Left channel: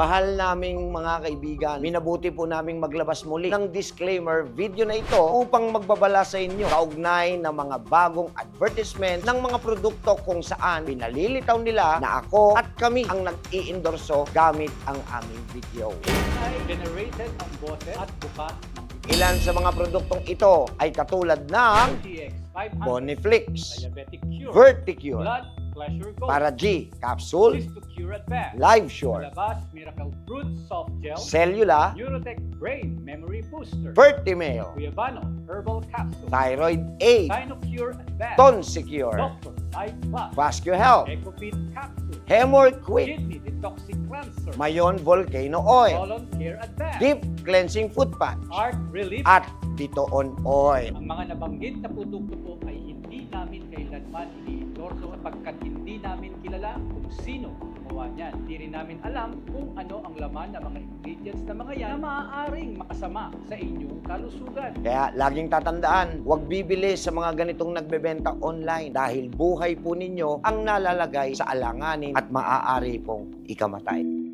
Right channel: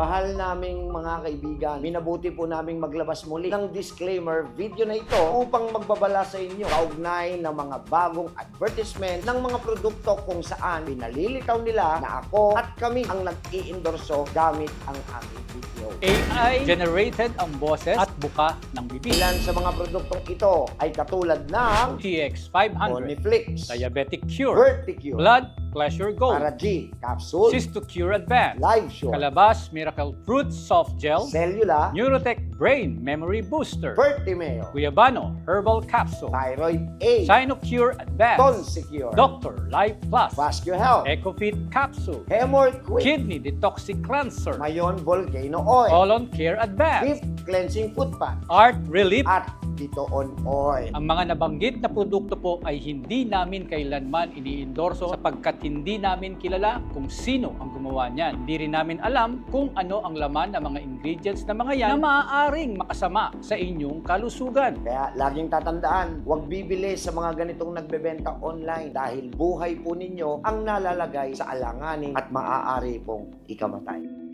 Mahal naming mga kaibigan, minabuti po naming maglabas muli ng disclaimer video na ito upang magbabala sa inyo kaugnay ng mga bagong advertisement ng mga produkto kung saan pinalilitaw nila na ako at kami ang nag-i-endorso gamit ang aming video. AI generated ang boses at buka ng bibig. Ilan sa mga produktong ito ay katulad ng TX500, Boniflix, Diabetic Cure, Verticure, Blood Pleasure Gold, Para G, Capsule, Cystocure Advance, Live Sure, Calabas Miracle Fruit Soft Gel, Cellula, Neurotech Brain Memory Booster, Vertimail, Guyabano Herbal Capsule, Thyroid A, Sinocure Advance, Tonsecure, Doctor Life Plus, Vascular Health, EcoFit Capsule, Hemor Quick, Kidney Detoxic Cleanser, Mayon Volcano Oil, Colon Care Advance, Deep Cleansing Foot Pad, Art Relief. At Titoon Oil. Ang mga nabanggit na produkto po ay hindi namin kailanman iniendorso sapagkat hindi namin kilala kung sino ang gumawa niyan. Hindi rin namin alam kung ano ang laman ng mga ingredients na mga yan na maaaring makasama sa inyong kalusugan. Kaya laging tatandaan, huwag bibili sa mga ganitong nagbebenta online dahil buhay po ninyo ang nalalagay sa alanganin at maaari pong ikamatay.